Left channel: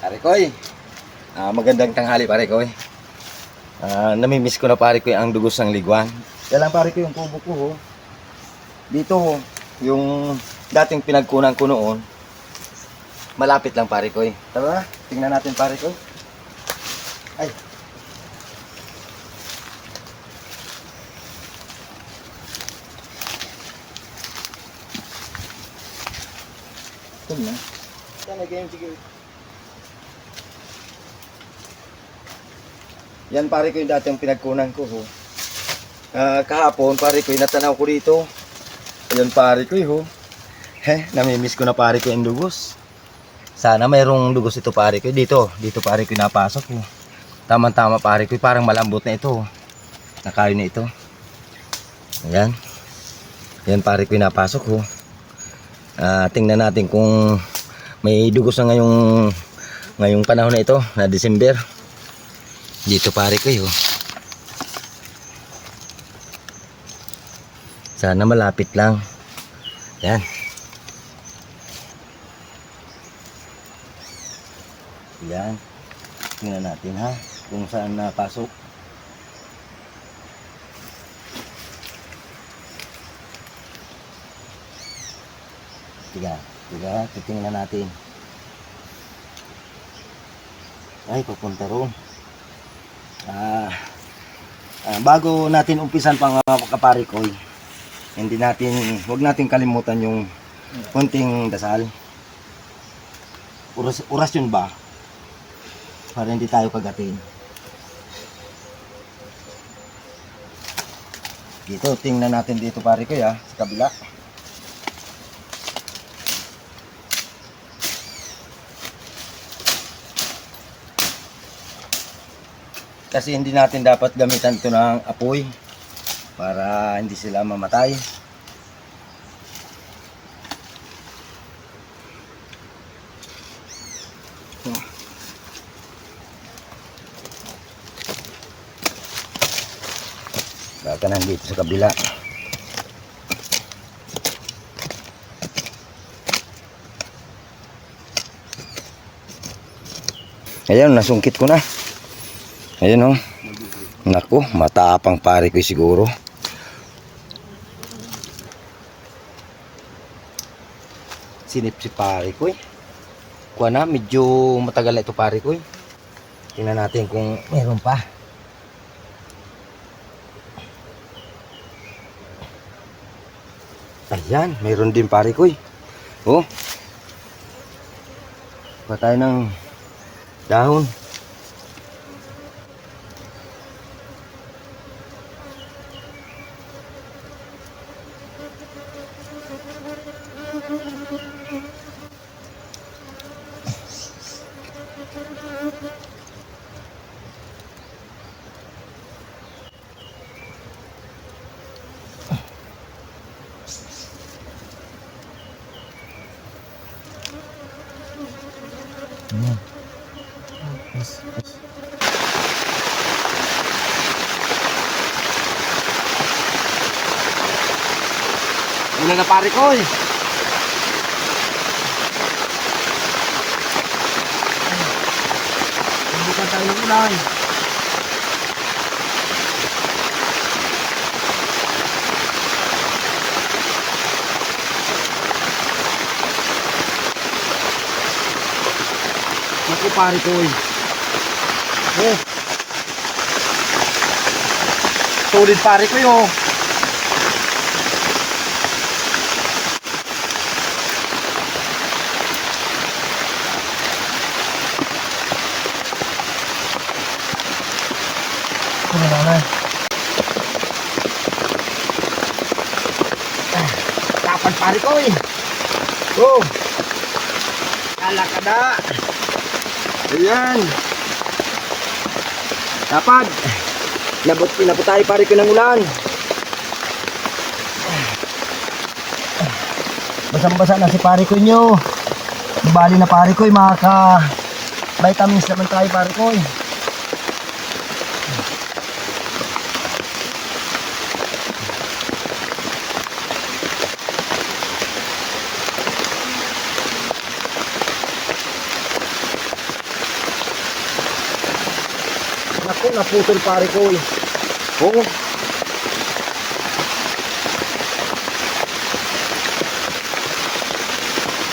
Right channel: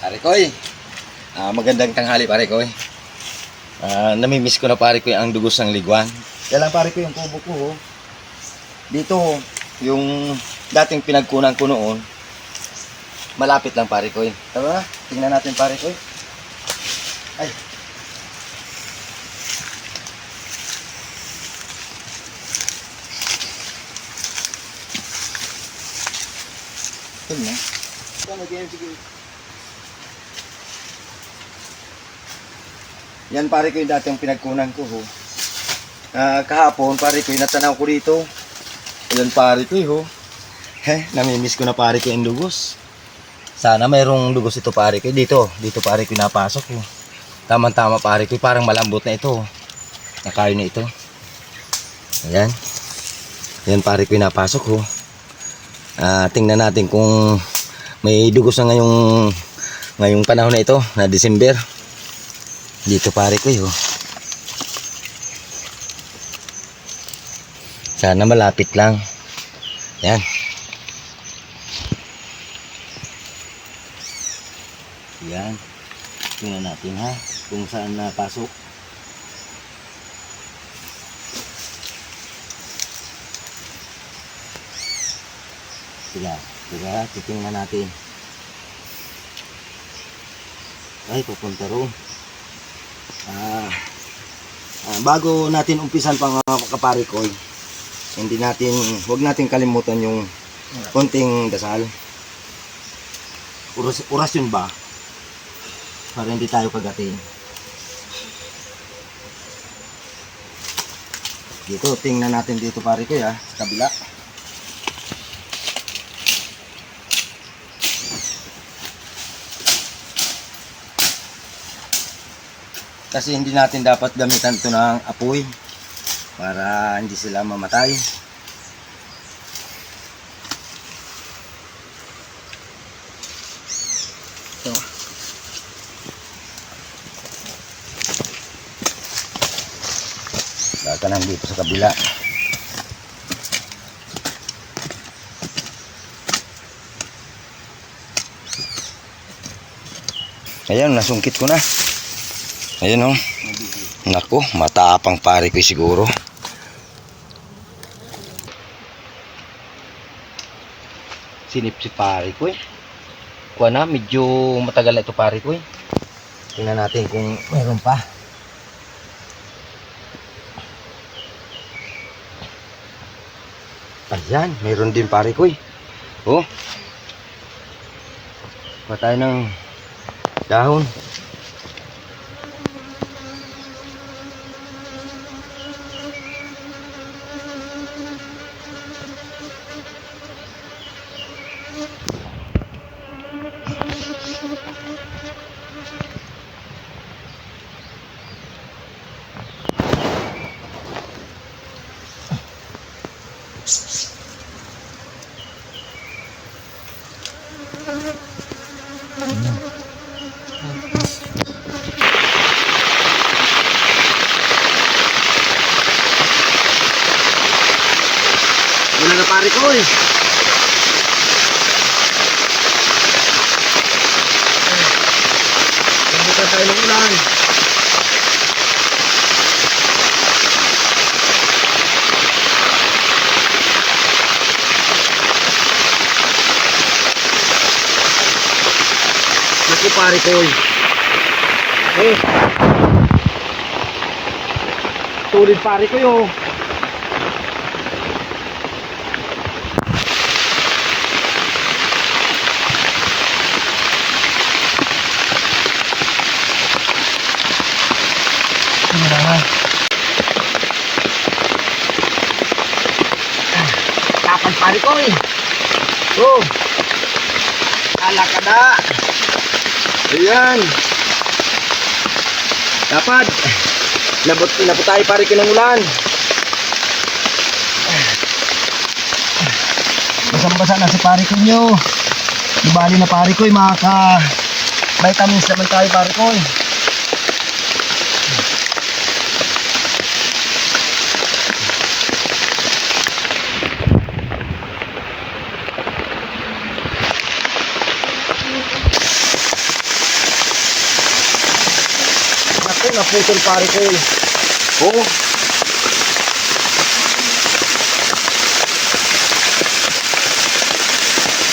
Pare Koy, magandang tanghali pare Koy. Namimiss ko na pare Koy ang dugos ng liguan. Kaya lang pare Koy yung kubo ko ho. Dito ho, yung dating pinagkunan ko noon, malapit lang pare Koy. Tara, tingnan natin pare Koy. Ay. Tingnan. Sige. Yan pare ko yung dating pinagkunan ko ho. Kahapon pare ko yung natanaw ko dito. Ayan pare ko ho. Namimiss ko na pare ko yung dugos. Sana mayroong dugos ito pare ko. Dito pare ko napasok ho. Tama-tama pare ko, parang malambot na ito. Nakain na ito. Ayan. Ayan pare ko yung napasok ho. Tingnan natin kung may dugos na ngayong panahon na ito, na December. Dito pare ko yun. Sana malapit lang. Yan. Yan. Tingnan natin ha, kung saan napasok. Tiga, titingnan natin. Ay, papunta roon. Bago natin umpisan pang kapari ko, huwag natin kalimutan yung konting dasal. Oras yun ba? Para hindi tayo kagatin. Dito, tingnan natin dito pare ko sa kabila. Kasi hindi natin dapat gamitan ito ng apoy para hindi sila mamatay. So, datanan dito sa kabila. Ayan, nasungkit ko na. Ayan o. Naku, matapang pare ko siguro. Sinip si pare ko Kuha na, medyo matagal na ito pare ko Tingnan natin kung meron pa. Ayan, meron din pare ko Oh. Patay ng dahon. Wala na pare ko Bukan tayo ng ulan. Naku pare ko Solid pare ko Kapan pare ko alakada. Ayan. Dapat labot tayo pare ko ng ulan. Basang-basa na si pare ko nyo. Ibali na pare ko maka vitamins naman tayo pare ko naputol pare ko. Oo.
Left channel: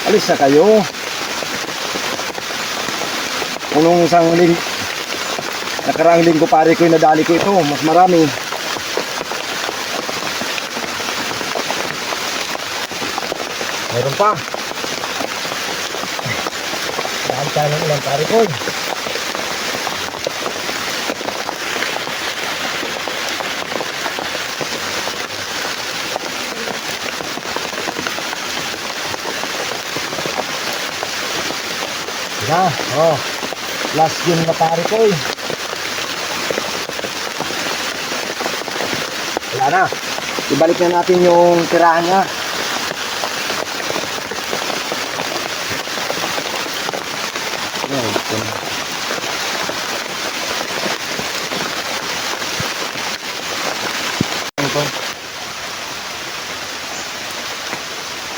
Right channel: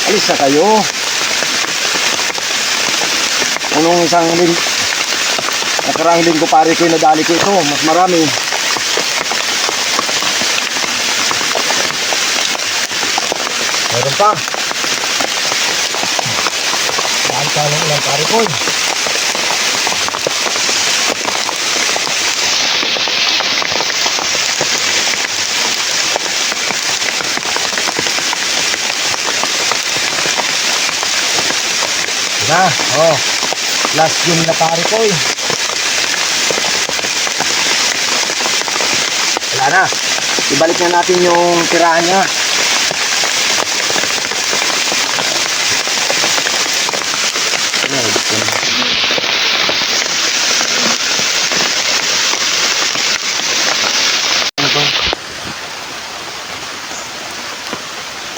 Alis na kayo. Unong nakarang linggo pare ko yung nadali ko ito. Mas marami. Meron pa. Daan tayo ng ilang pare ko. Na, oh. Last game na pare ko. Wala na. Ibalik na natin yung tirahan niya.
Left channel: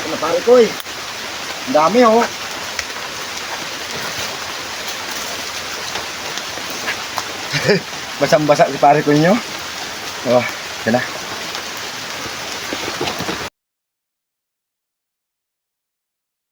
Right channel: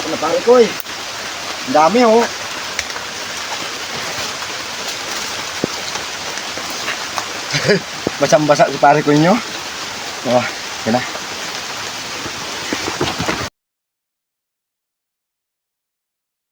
Ano pare ko? Ang dami oh. Basang-basa si pare ko inyo. Oh, yan na.